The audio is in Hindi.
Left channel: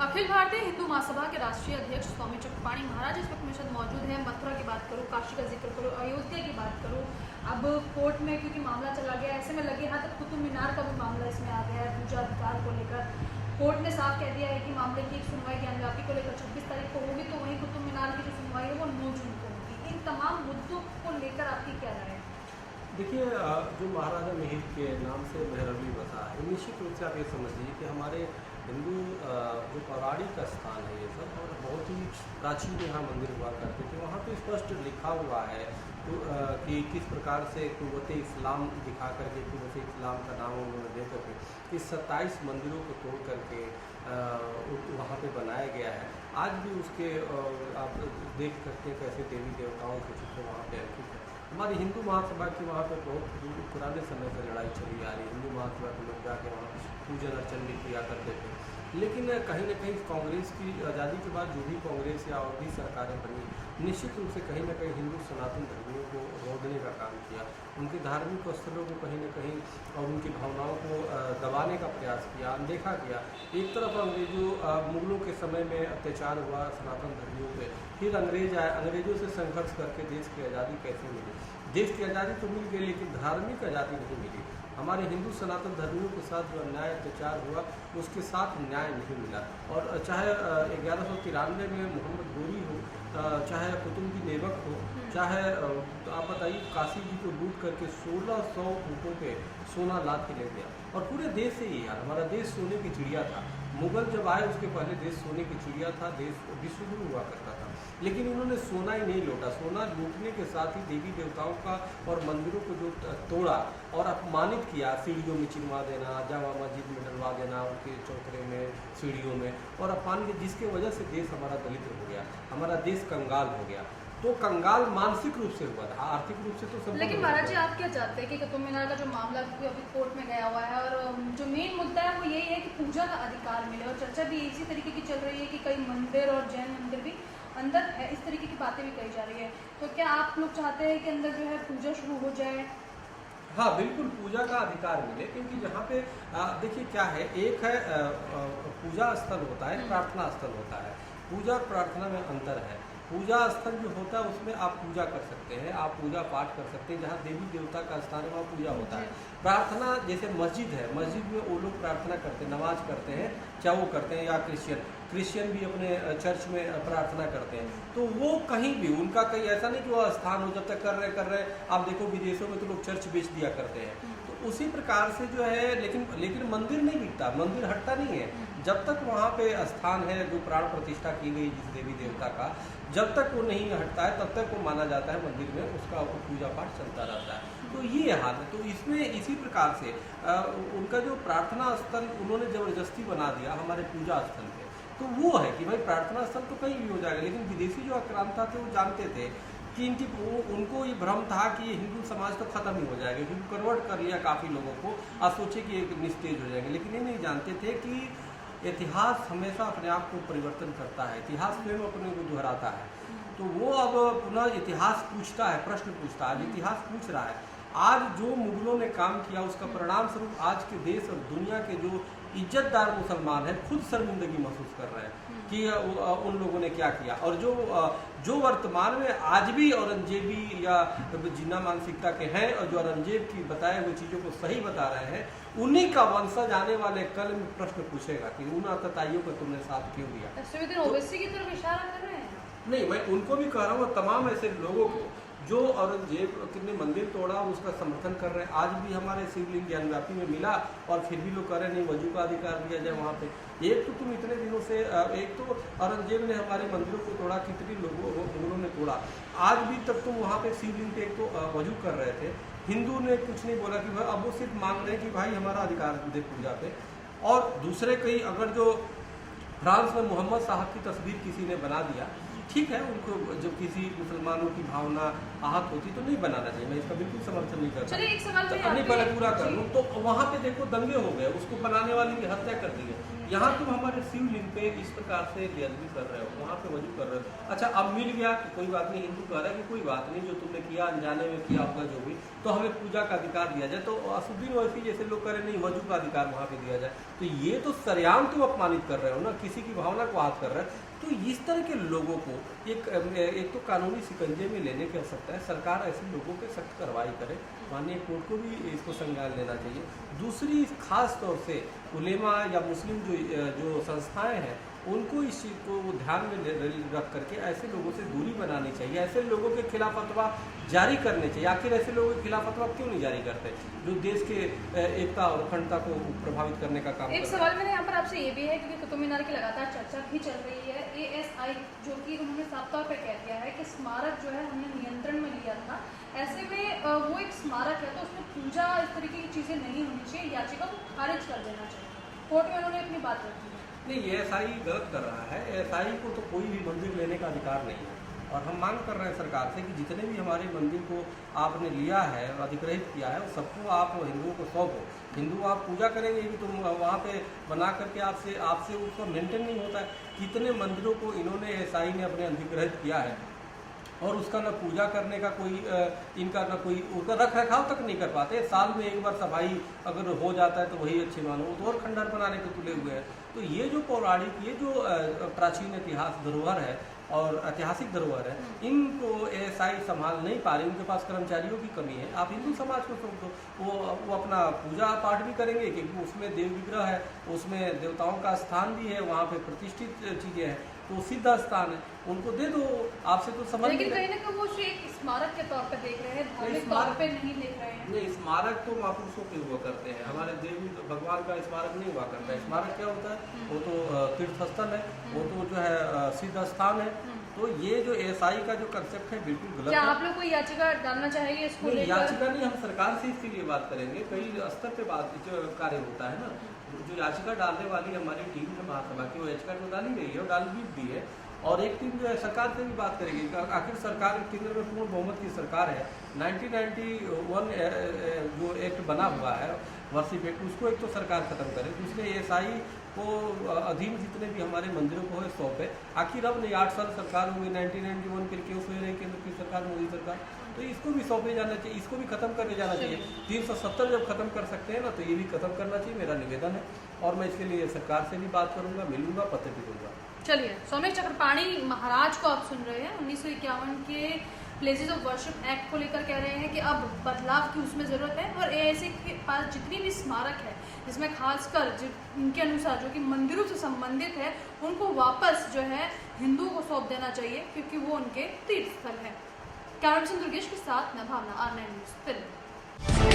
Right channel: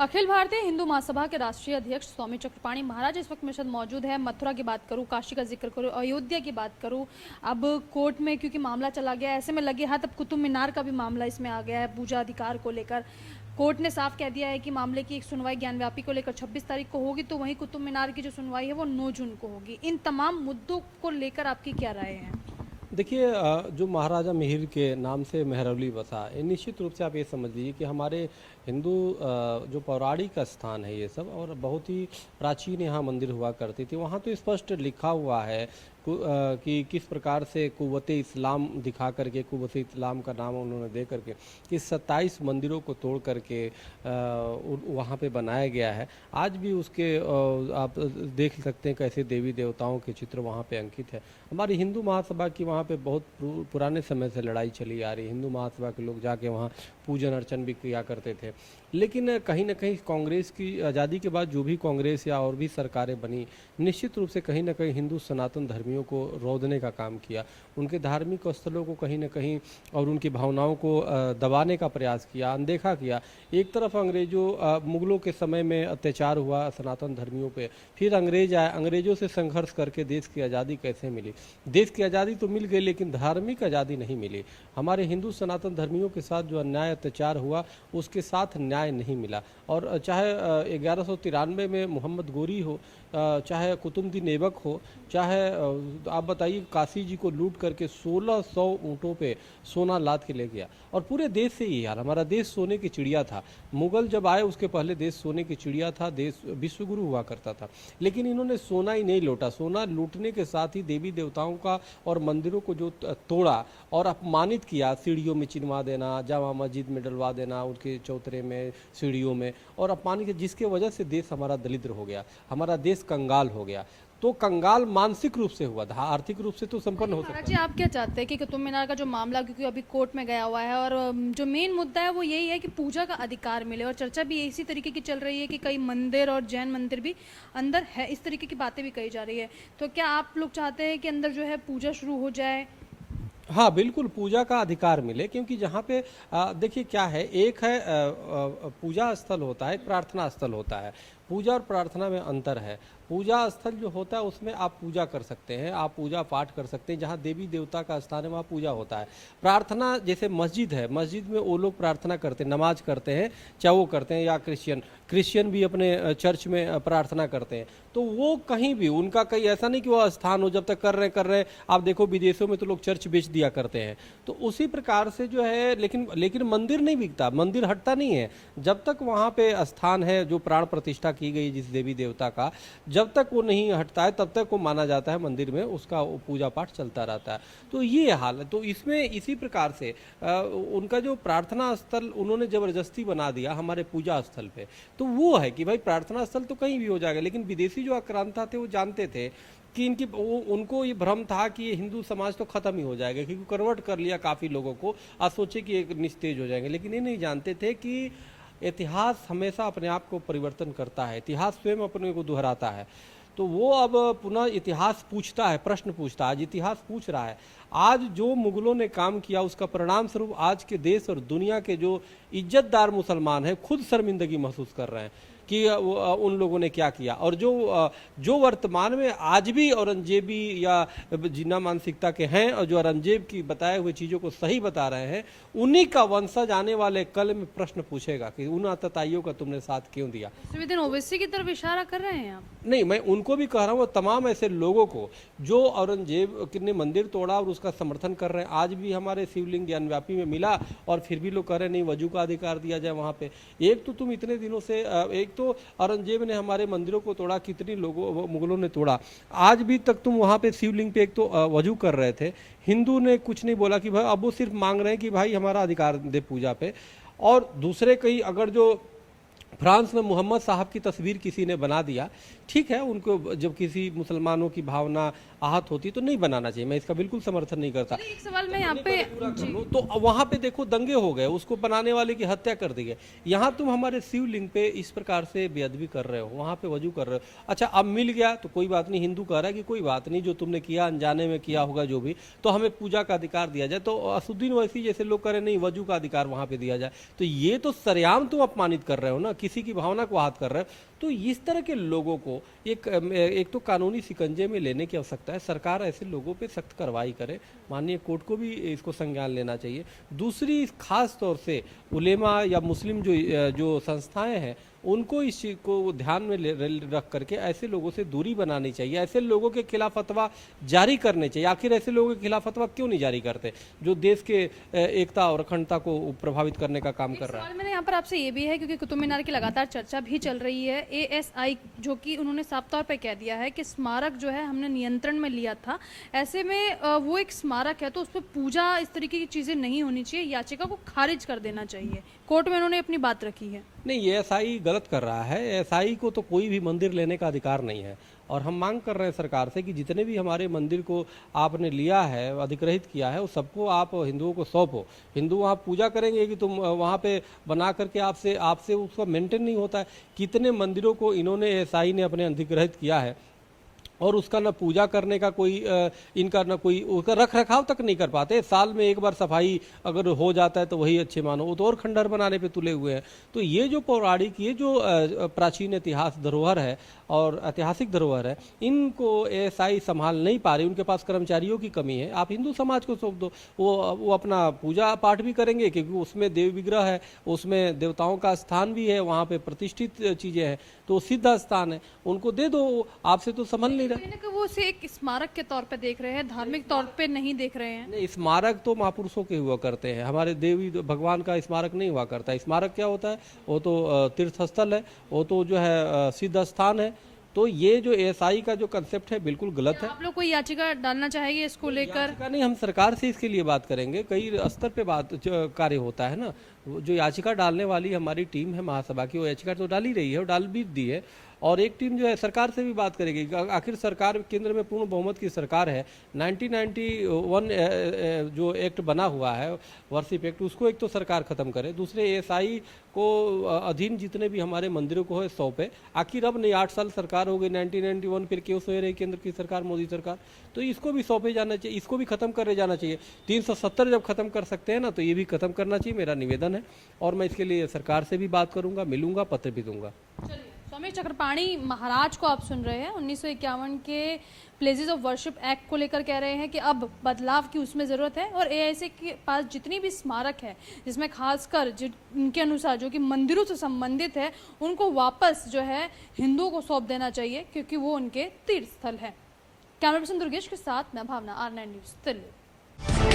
अखिल भारतीय हिंदू महासभा के राष्ट्रीय अध्यक्ष स्वामी चक्रपाणी महाराज इस वक्त मेरे साथ मौजूद है। मथुरा की बात करूं, काशी का जिक्र करूं, अयोध्या की बात करूं, अब कोर्ट में क्योंकि मामला चला गया ऐसे में लगे हाथ अब कुतुब मीनार का भी मामला इसमें आ गया है पूजा अधिकार को लेकर। कोर्ट ने साफ कह दिया है कि मामले की एक सुनवाई ज्ञानव्यापी को लेकर 26 तारीख को होगी, तो वहीं कुतुब मीनार की जो सुनवाई है वो 9 जून को होगी। इन तमाम मुद्दों को लेकर आपकी क्या राय है? देखिए, जो महाराजा मिहिर के नाम से मेहरौली बसा है, निश्चित रूप से आप ये समझ लीजिए कि हमारे हिंदू जो पौराणिक स्थान है ये सब, और बहुत ही प्राचीन यहाँ मंदिर हुआ करते थे। वहाँ तो स्पष्ट लिखा हुआ है कि किस प्रकार से कुव्वत इस्लाम दिखा करके, कुव्वत इस्लाम का नाम उन्होंने दे करके इस 27 मंदिरों को तोड़ करके वहाँ पे बनाया गया है। आज भी उसके आप देख सकते हैं कैसे देवी देवताओं के चित्र वहाँ पे अंकित है। हमारी हिंदू महासभा की वहाँ पे बहुत पुराने समय से लड़ाई चली आ रही है। हिंदू महासभा के लोग जाके वहाँ पूजन अर्चन भी किया करते थे, लेकिन कहीं ना कहीं कांग्रेस की आज़ादी के बाद जो भी कांग्रेस या और भी सरकारें बनी, निश्चित रूप से कहीं ना कहीं हिंदू सनातन धर्मियों को रोधने का काम किया, उनके धार्मिक स्थलों को कहीं ना कहीं और उनकी भावनाओं को दबाने का प्रयास किया, अनदेखा किया। एक तरफ मुग़लों के समय में अत्याचार हुआ सनातन धर्मियों पे, फिर अंग्रेज आए, अंग्रेज़ों से संघर्ष करके देश की आज़ादी कैसे मिली? देश की आज़ादी तो मिल गई, लेकिन धार्मिक आज़ादी नहीं मिली। हमारे हिंदू सनातन धर्मियों के साथ जो अन्याय अत्याचार हुआ उसके साथ न्याय नहीं मिला। और चाहे 1193 में मोहम्मद गोरी हो, चाहे कुतुबुद्दीन ऐबक हो, चाहे आप बताइए काशी जी को लूट करके 1600 ऊँटों पे सोना लाद के ले गया, और पूरे देश से यही हाल। हमारा देश सोने की चिड़िया था। मुग़ल जब आए उसके पहले देश सोने की चिड़िया था, देश विश्वगुरु हुआ करता था, लेकिन इन्होंने सोना ही नहीं लौटा। सोना लूटने के साथ ही देवी देवताओं का और मंदिरों को जो तोड़ा और अपमानित किया, सीढ़ियों में चिनवा देना, जामा मस्जिद में डलवा देना, उनके चौतरे में, सीढ़ियों में, और अपमानित, जिसके वजह से देश हमारा दलिद्र हो गया, हमारा देश कंगाल हो गया। तो कंगाल मानसिक रूप से हुआ था, आर्थिक रूप से तो संपन्न। लेकिन महाराज जी, आप क्या चाहते हैं कि कुतुब मीनार का जो मामला क्योंकि अभी कोर्ट में गया हुआ है और जो मेन मुद्दा है वो यही है कि पूजा का अधिकार मिले, और चर्चा भी इसी तरीके की चल रही है कि कई मंदिर और जैन मंदिर भी अंदर है, इस तरीके की बातें भी कही जा रही है। तो क्या आप लोग चाहते हैं कि अंदर जो है पूजा शुरू हो जाए? हाँ बिल्कुल, पूजा का अधिकार मिले, क्योंकि जहाँ पे देखिए क्या है, एक है पूजा स्थल होता है, एक प्रार्थना स्थल होता है। पूजा और प्रार्थना में अंतर है। पूजा स्थल जो होता है उसमें आप पूजा कर सकते हैं, आप पूजा पाठ कर सकते हैं, जहाँ देवी देवता का स्थान है वहाँ पूजा होता है। प्रार्थना जैसे मस्जिद है, मस्जिद में वो लोग प्रार्थना करते हैं, नमाज करते हैं, चाहे वो करते हैं, या क्रिश्चियन भी अपने चर्च में प्रार्थना करते हैं। तो वो कहीं भी उनका कहीं ऐसा नहीं कि वो स्थान हो, जब तक कर रहे आप देखो विदेशों में तो लोग चर्च बेच दिया करते हैं। तो उसी प्रकार से जो है, लेकिन मंदिर नहीं बिकता, मंदिर हटता नहीं है। जब तक वहाँ पे स्थान है जो प्राण प्रतिष्ठा की गई जिस देवी देवता का, जब तक वो नहीं हटता है तब तक वो माना जाता है मंदिर में उसका पूजा पाठ चलता रहता है। तो ये हाल है। तो इसमें इसी प्रकार से उनका जो प्रार्थना स्थल उन्होंने ज़बरदस्ती बना दिया हमारे पूजा स्थल पे, तो वो है कि भाई प्रार्थना स्थल तो कहीं भी हो जाएगा। लेकिन विदेशी जो आक्रांता थे वो जानते थे कि उनको ये भ्रम था कि ये हिंदू समाज तो ख़त्म ही हो जाएगा, क्योंकि कन्वर्ट कर लिया काफ़ी लोगों को, और सोचे कि एक निस्तेज हो जाएंगे। लेकिन ये नहीं जानते थे कि इतिहास हमेशा अपने आप को परिवर्तन करता है, इतिहास स्वयं अपने को दोहराता है। तो वो अब पुनः इतिहास पूछता है, प्रश्न पूछता है, आज इतिहास पूछ रहा है। आज जो मुग़लों ने काम किया उसका परिणाम स्वरूप आज के देश और दुनिया के जो इज्जतदार मुसलमान हैं खुद शर्मिंदगी महसूस कर रहे हैं कि उन लोगों ने क्या किया। और जो वर्तमान में आज भी औरंगजेबी या जिन्ना मानसिकता के हैं और जो औरंगजेब की बताए हुए चीज़ों को सही बता रहे हैं, उन्हीं का वंशज आने वाले कल में प्रश्न पूछेगा कि उन आतताइयों का तुमने साथ क्यों दिया। ओवैसी की तरफ इशारा कर रहे हैं आप? नहीं, मैं उनको भी कह रहा हूँ, तमाम ऐसे लोगों को जो औरंगजेब ने मंदिर तोड़ा और उसका समर्थन कर रहे हैं। आज भी हमारे शिवलिंग ज्ञानव्यापी में मिला और फिर भी लोग कह रहे हैं नहीं, वजू का अधिकार दिया जाए वहाँ पे। एक तो तुम इतने दिनों से एक तो औरंगजेब ने हमारे मंदिरों को तोड़ा, कितनी लोगों मुग़लों ने तोड़ा, आज भी तक तुम वहाँ पे शिवलिंग पे एक तो वजू कर रहे थे। हिंदू ने कुछ नहीं बोला कि भाई, अब वो सिर्फ मांग रहे हैं कि भाई हमारा अधिकार दे पूजा पे। और दूसरे कहीं अगर जो फ्रांस में मोहम्मद साहब की तस्वीर किसी ने बना दिया ठीक है, उनको जब किसी मुसलमानों की भावना आहत होती तो नहीं बनाना चाहिए, मैं इसका बिल्कुल समर्थन नहीं करता। चलिए एक सवाल मैं तो यहाँ नहीं, पे पहले पूरा कर लूं। तो वहाँ पे देखो दंगे हो गए, उसको बनाने वाले की हत्या कर दी गई। यहाँ तुम हमारे शिवलिंग पे इस प्रकार से बेअदबी कर रहे हो, वहाँ पे वजू कर रहे हो। अच्छा अब मिल गया तो कोई बात नहीं, हिंदू कह रहा है कि कोई बात नहीं, जो तुमने किया अनजाने में किया होगा जो भी, तो हमें पूजा का अधिकार दिया जाए। तो असुद्दीन ओवैसी जैसे लोग कह रहे नहीं वजू का अधिकार वहाँ पे दिया जाए, तो ये तो सरेआम तुम अपमानित कर रहे हो ना, किसी की भावना को आहत कर रहे हो। तो इस तरह के लोगों को एक तो कानूनी शिकंजे में लेने की आवश्यकता है, सरकार ऐसे लोगों पे सख्त कार्रवाई करे, माननीय कोर्ट को भी इसको संज्ञान लेना चाहिए। दूसरी खास तौर से उलेमा या मुस्लिम जो संस्थाएं हैं उनको इस चीज़ को ध्यान में रख करके ऐसे लोगों से दूरी बनानी चाहिए, ऐसे लोगों के खिलाफ फतवा जारी करने चाहिए। आखिर ऐसे लोगों के खिलाफ फतवा क्यों नहीं जारी करते जो देश के एकता और अखंडता को प्रभावित करने का काम कर एक रहे हैं। सवाल मेरे यहाँ पर आपसे ये भी है, क्योंकि कुतुब मीनार की लगातार चर्चा भी चल रही है, ASI जो कि उन्होंने साफ तौर पे कह दिया है कि स्मारक जो है हमने नियंत्रण में लिया था, ऐसे में वो एक स्मारक है तो उस पर पूजा इस तरीके की चीज़ें नहीं होनी चाहिए, याचिका को खारिज कर देना चाहिए। कोर्ट में उन्होंने अपनी बात रखी है। नहीं, ये ASI गलत कर रहा है, ASI को तो कोई भी मंदिर लेने का अधिकार नहीं है। और हम मांग कर रहे हैं सरकार से कि जितने भी हमारे मंदिर को आपने लिया है, अधिग्रहित किया है, उस सबको आप हिंदुओं को सौंपो। हिंदू वहाँ पूजा करेंगे कि तुम वहाँ पे बना करके आपसे उसका मेंटेन नहीं होता है। कितने मंदिरों को इन्होंने ASI ने अपने अधिग्रहित किया है और उसका न पूजा करने का कोई इनका न कोई उसका रख रखाव तक नहीं कर पाते। साल में एक बार सफाई अगर हो जाता है तो वही अच्छे मानो, वो तो और खंडहर बनाने पे तुले हुए हैं। तो ये जो पौराणिक, ये जो प्राचीन इतिहास धरोहर है और ऐतिहासिक धरोहर है, इनको ASI संभाल नहीं पा रही, उनके पास कर्मचारियों की कमी है। आप हिंदू समाज को सौंप दो, वो अपना पूजा पाठ भी करेंगे, क्योंकि उसमें देव विग्रह है, उसमें देवताओं का स्थान भी है, वहाँ पे प्रतिष्ठित चीज़ें हैं, तो सिद्ध स्थान है, उनको दे दो। आपसे तो समझ नहीं लेकिन कहीं ना कहीं वो उसे एक स्मारक के तौर पे देख रहे हैं, धार्मिक तौर पे नहीं देख रहे हैं। नहीं, स्मारक तो महापुरुषों के हुआ करते हैं, हमारे देवी भगवान का स्मारक नहीं हुआ करता है। स्मारक क्या होता है, वो तो तीर्थ स्थल है, वो तो जो है सिद्ध स्थान है। तो ये जो ASI का जो कंसेप्ट है बिल्कुल गलत क्या है। आप लोग कोई याचिका डालना चाहेंगे इसको लेकर? याचिका नहीं, हम सरकार से इसके लिए बात करेंगे, कई स्तर पे बात कार्य होता है ना। जो याचिका डालने वाली हमारी टीम है महासभा की, वो याचिका तो डाल ही रही है और डाल भी दी है, और एक टीम जो है सरकार से भी बात करेगी। आखिर सरकार केंद्र में पूर्ण बहुमत की सरकार है। 1991 जो एक्ट बना हुआ है, वर्षिप एक्ट, उसको एक तो सरकार खत्म करे, दूसरे ASI को अधीन जितने भी हमारे मंदिरों को है सौंपे। आखिर अब नहीं, 8 साल सरकार हो गई, 1991 फिर क्यों सोए रही केंद्र की सरकार, मोदी सरकार, तो इसको भी सौंपे जाना चाहिए, इसको भी खत्म करे जाना चाहिए। 370 जब खत्म कर सकते हैं ना, तो ये भी खत्म करना चाहिए, मेरा निवेदन है। और मैं इसके लिए सरकार से भी बात करूंगा, मिलूंगा, पत्र भी दूंगा। चलिए, स्वामी चक्रपाणी महाराज को आप सुन रहे हैं। 1951 के प्लेसेस ऑफ वर्शिप एक्ट को लेकर कह रहे हैं कि अब बदलाव की उसमें ज़रूरत है, और ASI के पास जितनी भी स्मारक है, जिसमें खासकर उनके अनुसार जो कि मंदिरों से संबंधित है, उनको वापस जो है हिंदुओं को सौंप देना चाहिए, क्योंकि वो उनके तीर्थ स्थल है। कैमरा पर्सन दुर्गेश के साथ मैं भावना, R9 न्यूज़ दिल्ली।